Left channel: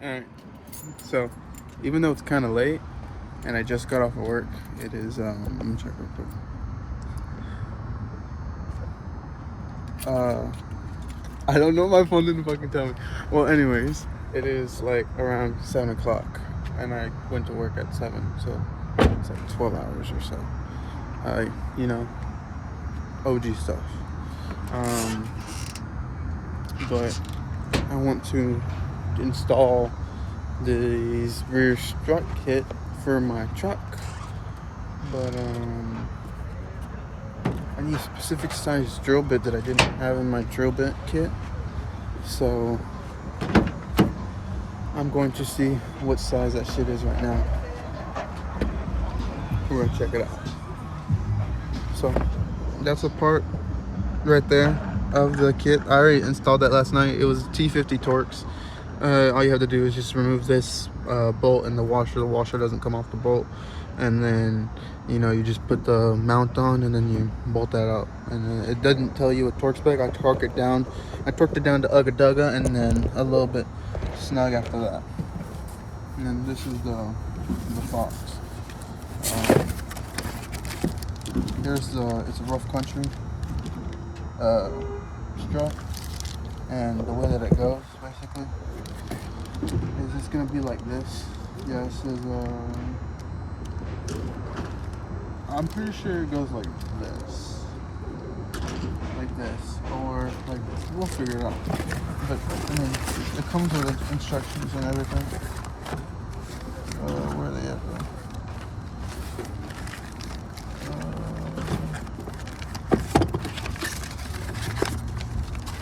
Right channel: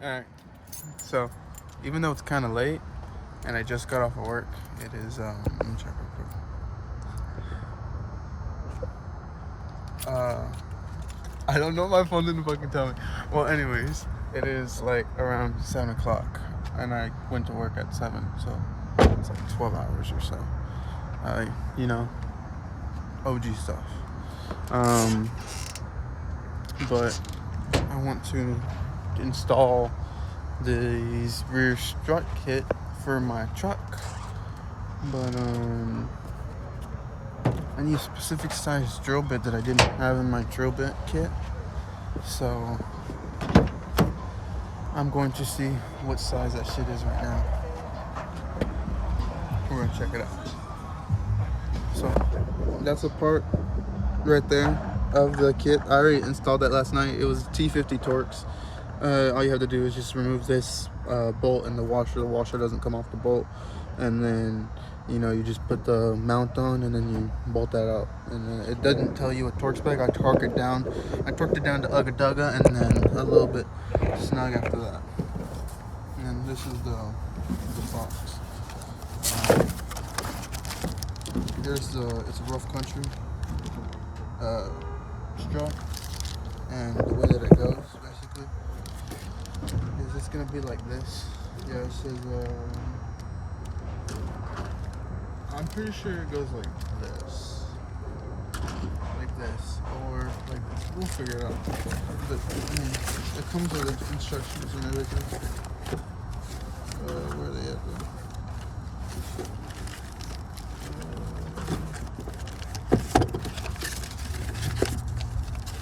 Alright, so even though it's kind of late and I just got off of work, it is, let me check real quick. I don't know, my phone didn't fucking tell me. Well, anyways, it is like around 7 o'clock and I went to work at 7, so it's like 12 hours or so. You know, OG stuff. But I want to install this rear strut kit for my truck, but I need a specific size drill bit that I didn't have in my drill bit kit, so I'm going to see what size that shit is right now. We're gonna check it out. So that's a part right there of the kit. I already installed that last night. It was T50 Torx. All you have to do is just remove this bolt in the washer. The washer doesn't come off the bolt, and then you know, you just put the mount on and then you bolt that out. And it doesn't tell you a torque spec. I torqued it down. I torqued it down to Ugga Dugga and then a little bit snug after that. And then this is the box. It's a rough country strut, and the way that it goes basically is it's gonna be like this. Yeah, it says I'm pretty sure it goes like this, or like this. We'll figure it out. But I mean, it comes with instructions and everything. Where are they at though?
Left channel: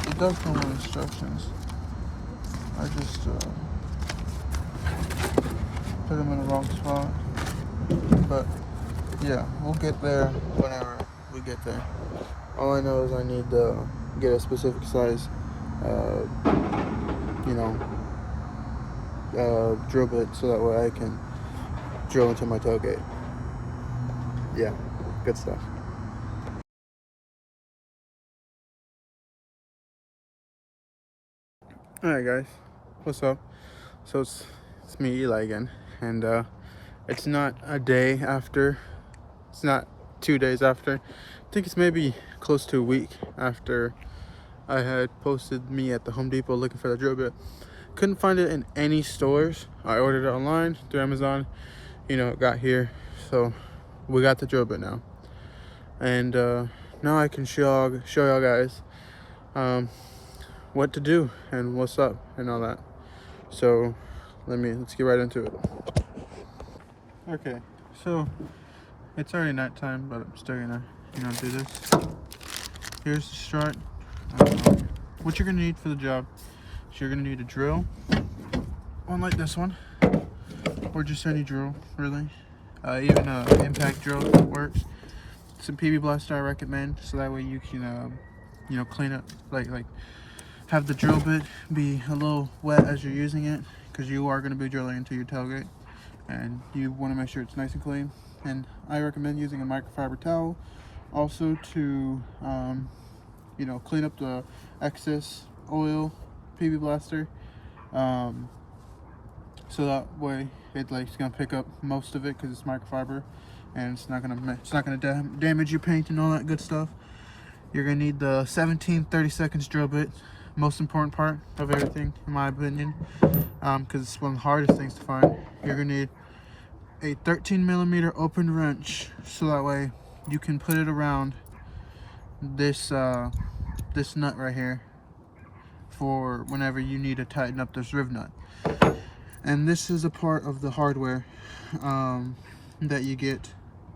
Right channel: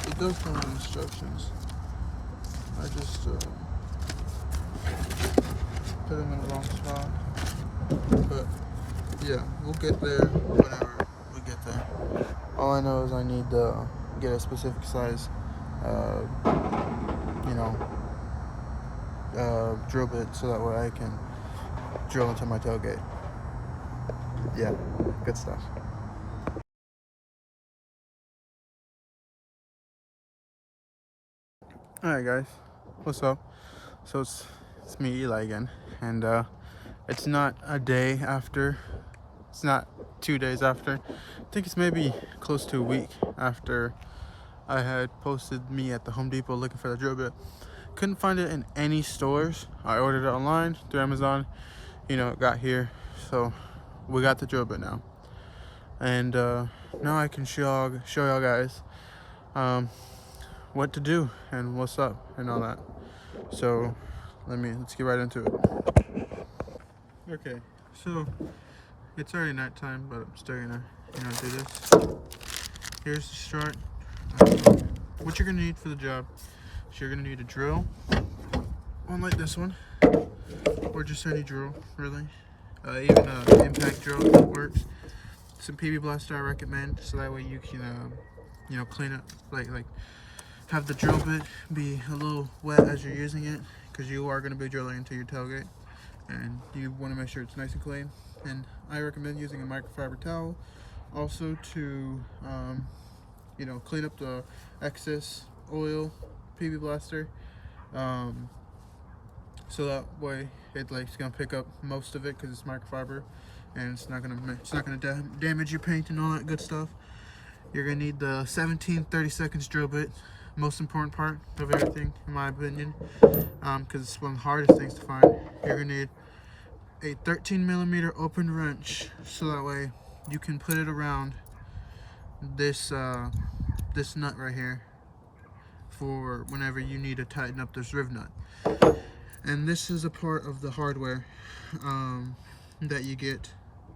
It does come with instructions. I just put them in the wrong spot. But yeah, we'll get there whenever we get there. All I know is I need to get a specific size, drill bit so that way I can drill into my tailgate. Yeah, good stuff. Alright guys, what's up? So it's me, Eli, again, and it's not a day after, it's not 2 days after, I think it's maybe close to a week after I had posted me at the Home Depot looking for the drill bit. Couldn't find it in any stores. I ordered it online through Amazon, it got here, so we got the drill bit now. And now I can show y'all guys what to do and what's up and all that. So let's get right into it. Okay, so it's already nighttime, but I'm still gonna do this. Here's the start. What you're gonna need for the job is you're gonna need a drill, one like this one, or just any drill really. Even an impact drill works. Some PB blaster I recommend, so that way you can clean up, like have the drill bit be a little wet as you're using it, because you are going to be drilling into your tailgate and you want to make sure it's nice and clean. And I recommend using a microfiber towel also to clean up the excess oil PB blaster, so that way it's gonna pick up most of it, because it's microfiber and it's not gonna damage your paint and all that good stuff. You're gonna need the 17/32 drill bit, most important part of everything in my opinion, because it's one of the hardest things to find. You're gonna need a 13mm open wrench, so that way you can put it around this this nut right here for whenever you need to tighten up this riv nut. And this is a part of the hardware that you get,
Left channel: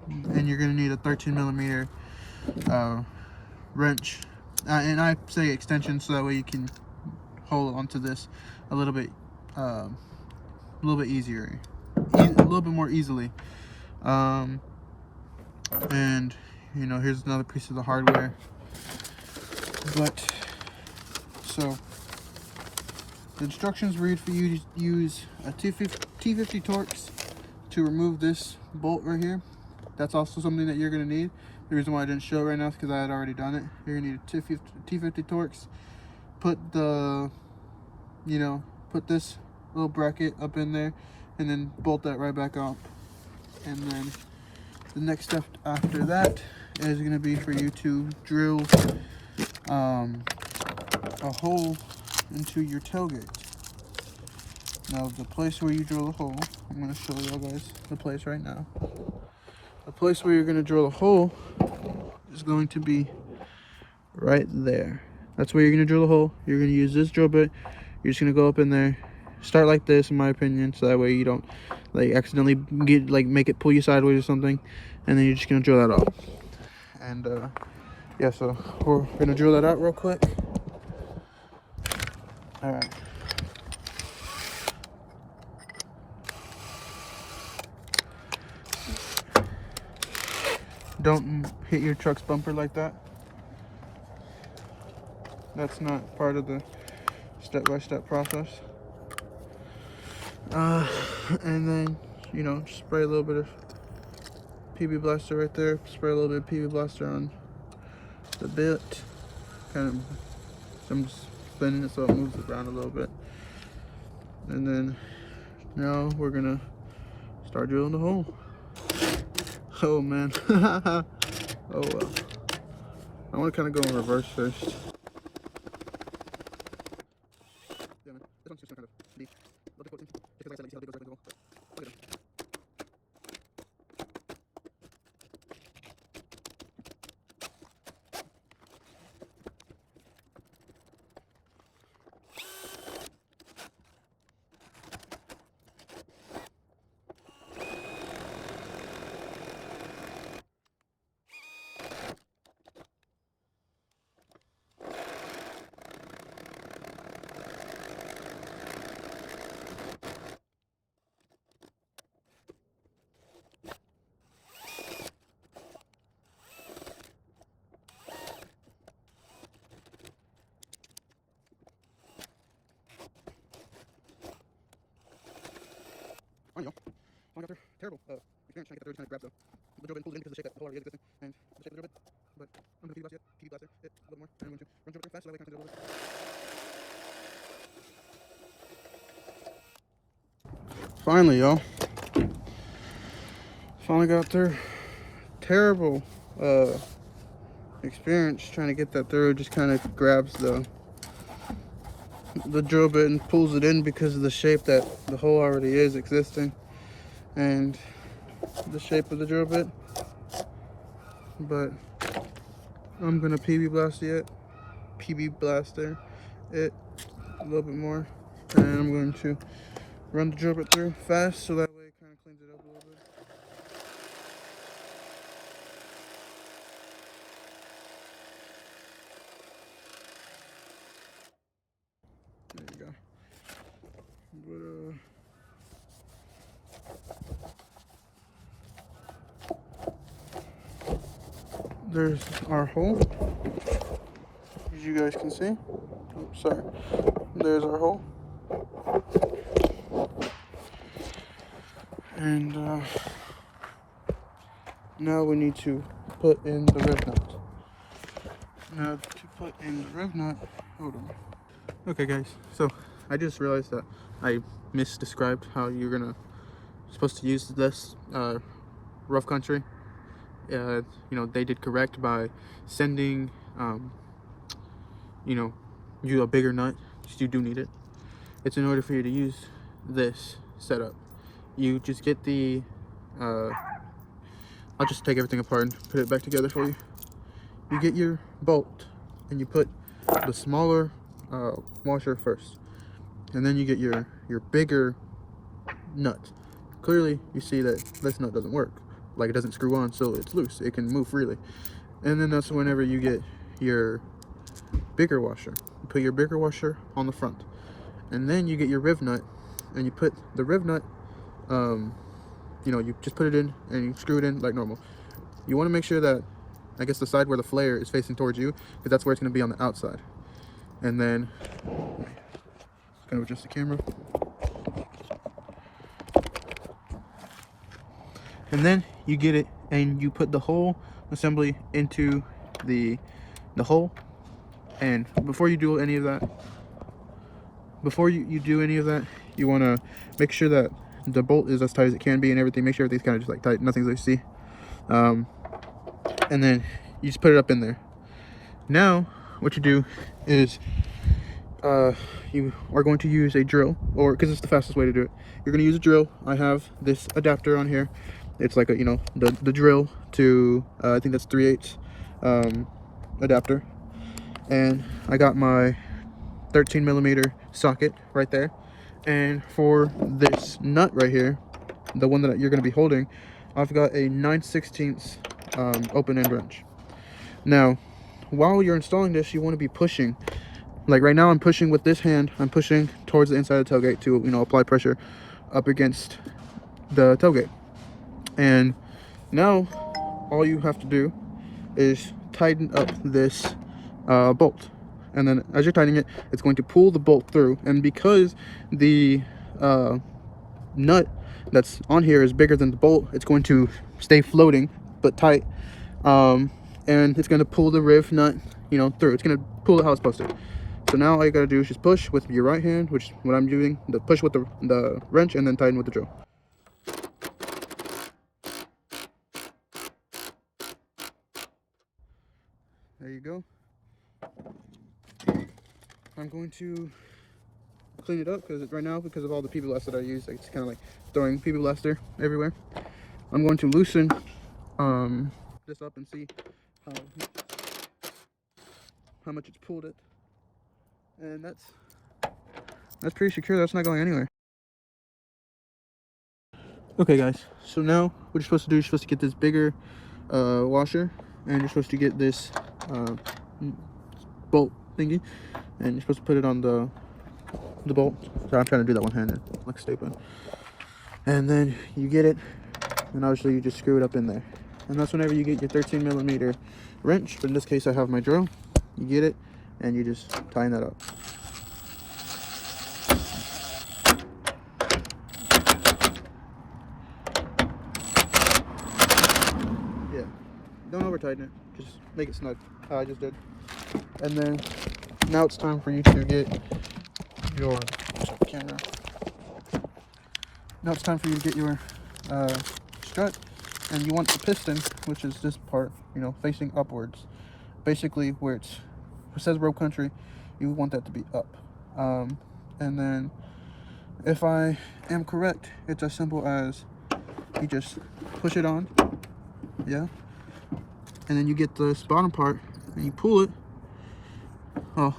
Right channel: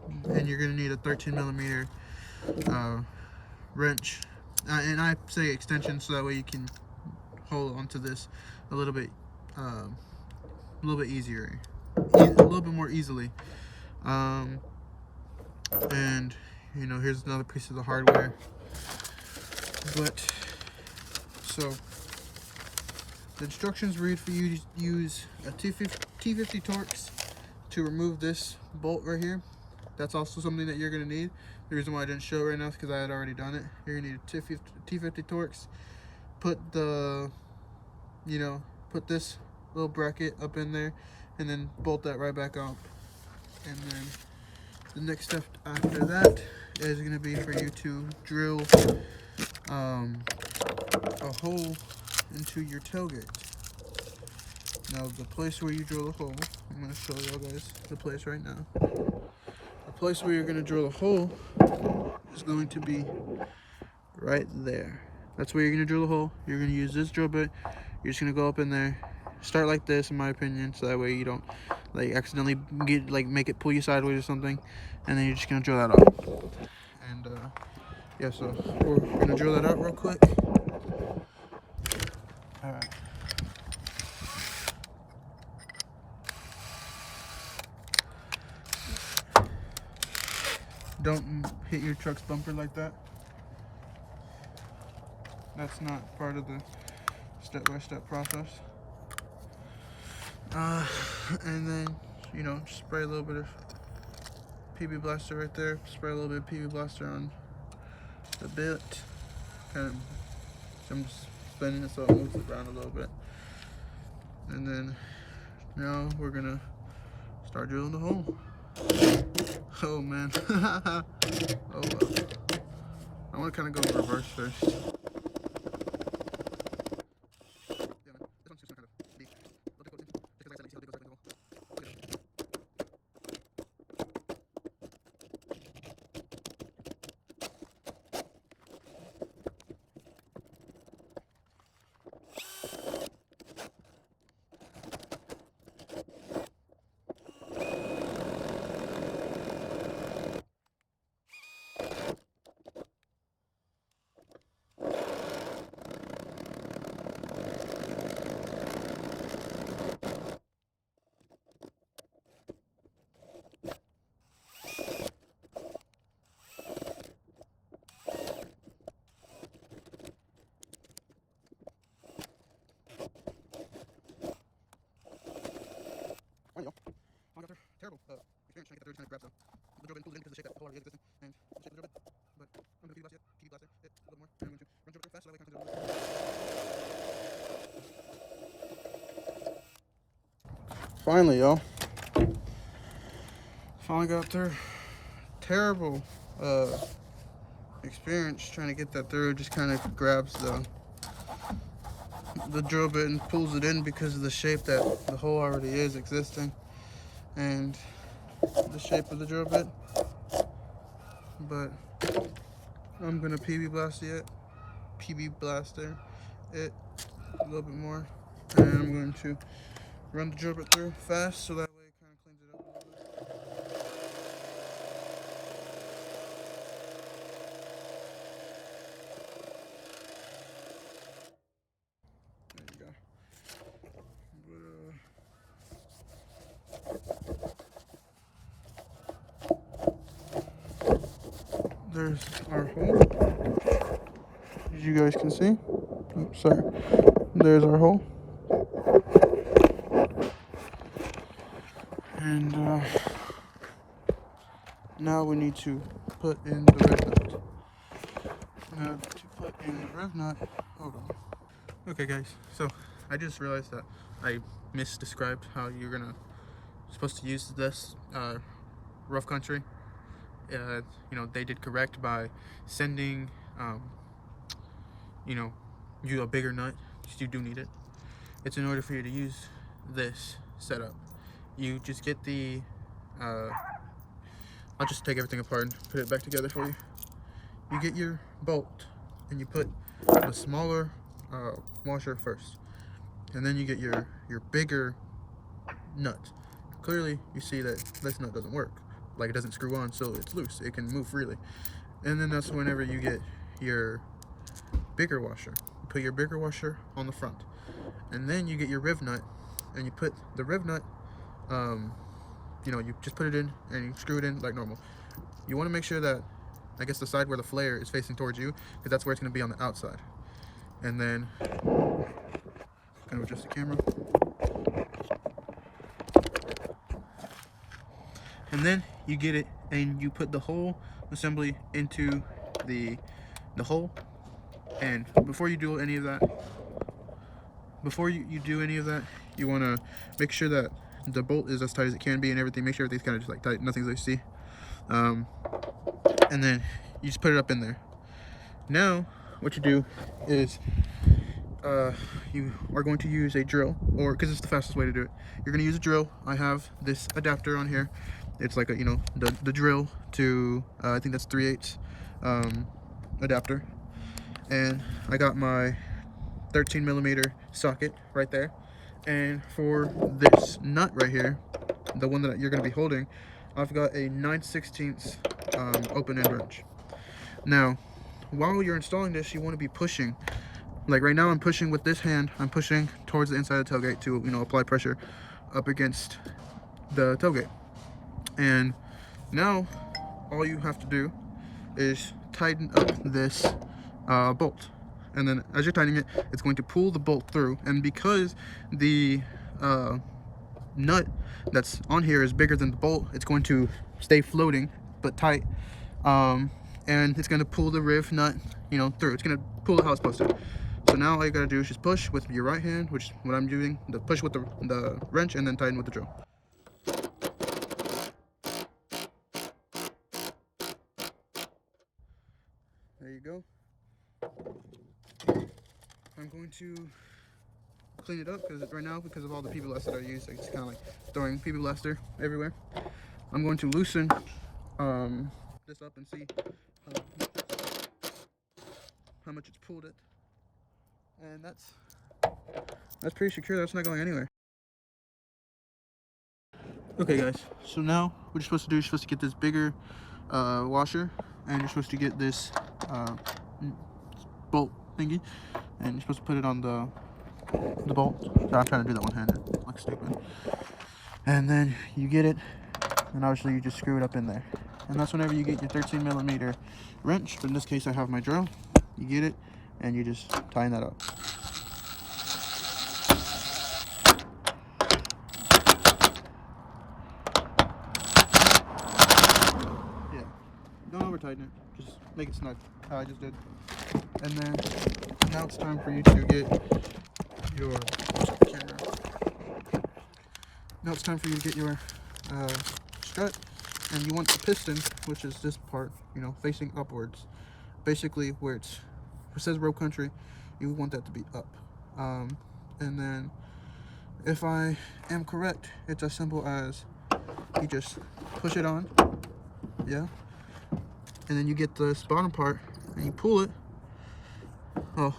and you're gonna need a 13mm wrench, and I say extension so that way you can hold onto this a little bit easier, a little bit more easily. And here's another piece of the hardware. But so the instructions read for you to use a T50 Torx to remove this bolt right here. That's also something that you're going to need. The reason why I didn't show it right now is because I had already done it. You're going to need a T50 Torx. Put the, put this little bracket up in there, and then bolt that right back up. And then the next step after that is going to be for you to drill a hole into your tailgate. Now the place where you drill the hole, I'm going to show you guys the place right now. The place where you're going to drill a hole is going to be right there. That's where you're going to drill a hole. You're going to use this drill bit. You're just going to go up in there. Start like this, in my opinion, so that way you don't like accidentally get like make it pull you sideways or something. And then you're just going to drill that off. And yeah, so we're going to drill that out real quick. All right. Don't hit your truck's bumper like that. That's not part of the step-by-step process. And then, you know, spray a little bit of PB Blaster right there. Spray a little bit of PB Blaster on the bit. Kind of, I'm just spinning it so it moves around a little bit. And then, now we're gonna start drilling the hole. Oh man. Oh well. I want to kind of go in reverse first. Yeah, man. This one's just kind of deep. Look at because like I said, you see how deep it goes right into the hole. Look at it. I got their terrible experience trying to get that third kind of grab though. The drill bit pulled it in because of the shape that the hole already is existing, and the shape of the drill bit. But I'm going to PB blast it, PB blast there, it, a little more, and I'm going to run drill bit fast so that way I can clean it a little bit. Finally, y'all. Finally got their terrible experience trying to get that through. It just kind of grabs the drill bit and pulls it in because of the shape that the hole already is existing. And the shape of the drill bit, but I'm gonna PB blast it, it a little bit more, and I'm going to run the drill bit through fast so that way it kind of cleans it up a little bit. There you go. There's our hole, as you guys can see. Oops, sorry. There's our hole. And now we need to put in the rev nut. Now to put in the rev nut, hold on. Okay guys, so I just realized that I misdescribed how you're supposed to use this rough country. You know, they did correct by sending you know, you a bigger nut, because you do need it. It's in order for you to use this setup. You just get the I'll just take everything apart and put it back together for you. You get your bolt and you put the smaller washer first, and then you get your bigger nut. Clearly you see that this nut doesn't work, like it doesn't screw on, so it's loose, it can move freely. And then that's whenever you get your bigger washer. You put your bigger washer on the front, and then you get your riv nut, and you put the riv nut, you know, you just put it in and you screw it in like normal. You want to make sure that, I guess, the side where the flare is facing towards you, because that's where it's going to be on the outside. And then kind of adjust the camera. And then you get it and you put the whole assembly into the hole. And before you do any of that, you you want to make sure that the bolt is as tight as it can be and everything. Make sure everything's kind of just like tight, nothing's loosey. And then you just put it up in there. Now what you do is you are going to use a drill, or because it's the fastest way to do it, you're going to use a drill. I have this adapter on here. It's like a, you know, the drill to I think that's 3/8 adapter, and I got my 13mm socket right there. And for this nut right here, the one that you're going to be holding, I've got a 9/16 open end wrench. Now while you're installing this, you want to be pushing. Like right now I'm pushing with this hand, I'm pushing towards the inside of the tailgate to, you know, apply pressure up against the tailgate. And now all you have to do is tighten up this bolt. And then as you're tightening it, it's going to pull the bolt through. And because the nut that's on here is bigger than the bolt, it's going to stay floating but tight. And it's going to pull the riv nut, you know, through. It's going to pull it how it's supposed to. So now all you got to do is just push with your right hand, which is what I'm doing, the push with the wrench, and then tighten with the drill. There you go. I'm going to clean it up because right now, because of all the PB that I use, like, it's kind of like throwing PB everywhere. I'm going to loosen this up and see how much it's pulled it. And that's pretty secure. That's not going anywhere. Okay guys, so now what you're supposed to do, you're supposed to get this bigger washer, and you're supposed to get this bolt thingy, and you're supposed to put it on the bolt. So I'm trying to do that one-handed, like stupid. And then you get it, and obviously you just screw it up in there. And that's whenever you get your 13mm wrench, but in this case I have my drill. You get it, and you just tighten that up. Yeah, don't over tighten it, just make it snug, how I just did. And then now it's time for you to get your camera. Now it's time for you to get your strut, and you want the piston, which is this part, you know, facing upwards. Basically where it says road country, you want that to be up. And then if I am correct, it's as simple as you just push it on, yeah, and then you get this bottom part and you pull it. Oh,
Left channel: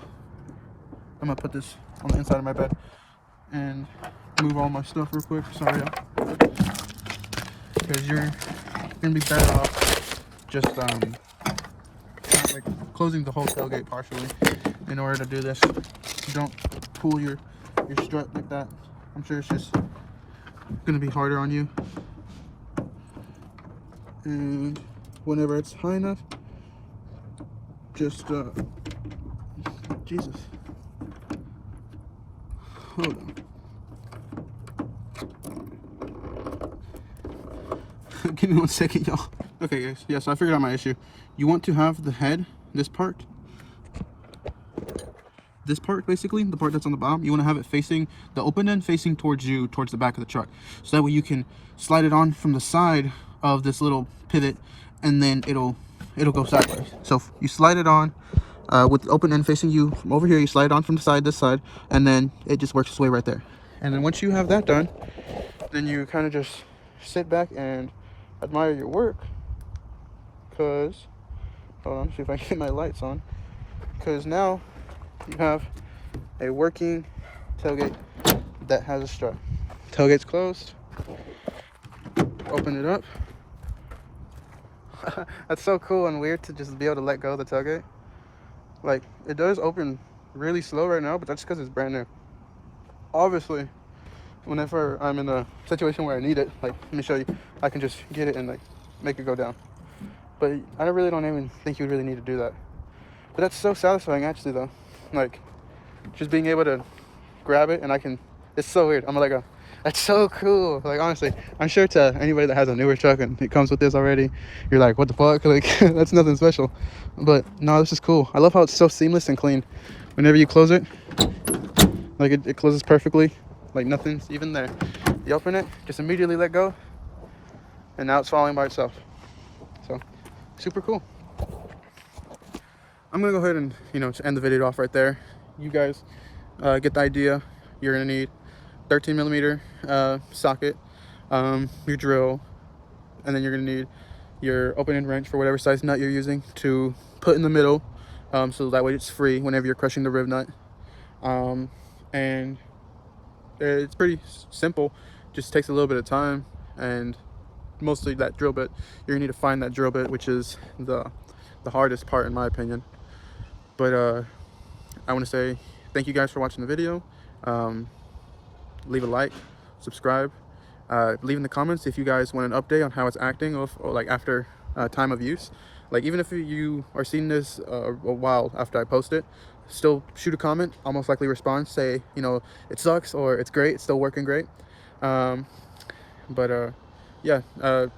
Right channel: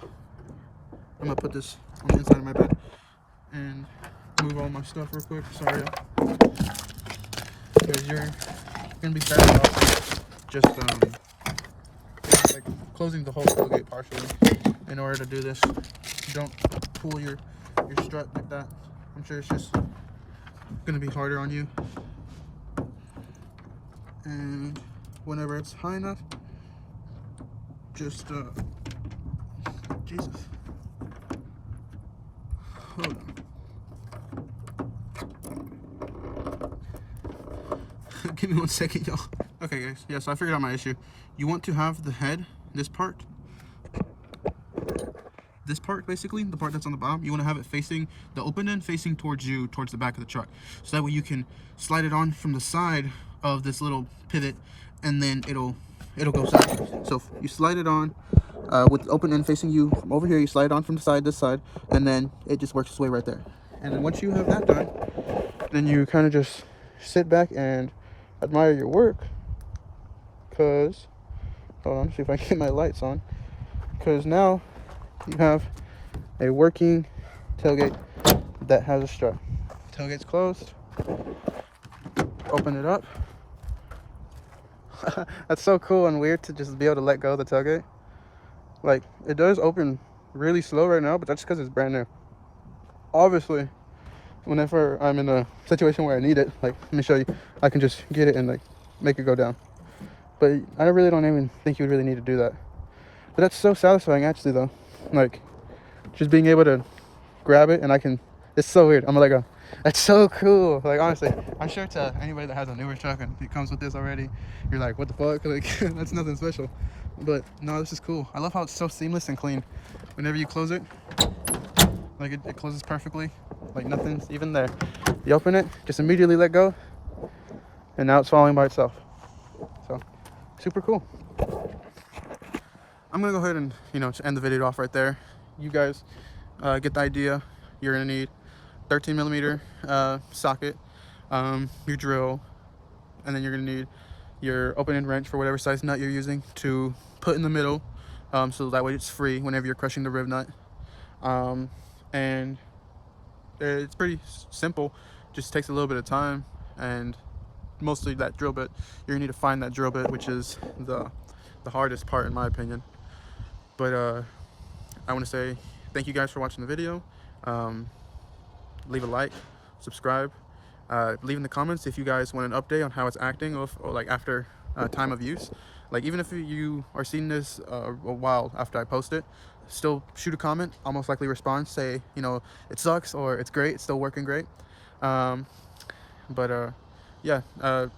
I'm gonna put this on the inside of my bed and move all my stuff real quick. Sorry, because you're gonna be bad about just like closing the whole tailgate partially. In order to do this, you don't pull your strut like that. I'm sure it's just gonna be harder on you. And whenever it's high enough, just Jesus, hold on. Give me 1 second, y'all. Okay guys, yeah, so I figured out my issue. You want to have the head, this part basically, the part that's on the bottom, you want to have it facing, the open end facing towards you, towards the back of the truck. So that way you can slide it on from the side of this little pivot, and then it'll go sideways. So you slide it on with the open end facing you from over here, you slide it on from the side, this side, and then it just works its way right there. And then once you have that done, then you kind of just sit back and admire your work. Because, hold on, see if I can get my lights on. Because now you have a working tailgate that has a strut. Tailgate's closed. Open it up. That's so cool and weird to just be able to let go of the tailgate. Like, it does open really slow right now, but that's because it's brand new. Obviously, whenever I'm in a situation where I need it, like, let me show you, I can just get it and like make it go down. But I really don't even think you really need to do that. But that's so satisfying actually though. Like, just being able to grab it and I can, it's so weird. I'm like, that's so cool. Like, honestly, I'm sure to anybody that has a newer truck and it comes with this already, you're like, what the fuck? Like, that's nothing special. But no, this is cool. I love how it's so seamless and clean. Whenever you close it, like it closes perfectly. like nothing's even there. You open it, just immediately let go, and now it's falling by itself. So super cool. I'm gonna go ahead and, you know, to end the video off right there. You guys get the idea. You're gonna need 13 millimeter socket, your drill, and then you're gonna need your open-end wrench for whatever size nut you're using to put in the middle, so that way it's free whenever you're crushing the rib nut. And it's pretty simple, just takes a little bit of time, and mostly that drill bit. You're gonna need to find that drill bit, which is the hardest part in my opinion. But I want to say thank you guys for watching the video. Leave a like, subscribe, leave in the comments if you guys want an update on how it's acting, or like after time of use. Like even if you are seeing this a while after I post it, still shoot a comment. I'll most likely respond, say, you know, it sucks or it's great, it's still working great. Yeah, go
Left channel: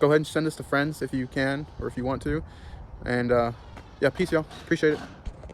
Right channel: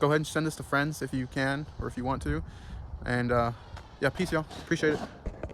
ahead and send this to friends if you can, or if you want to. And yeah, peace y'all, appreciate it.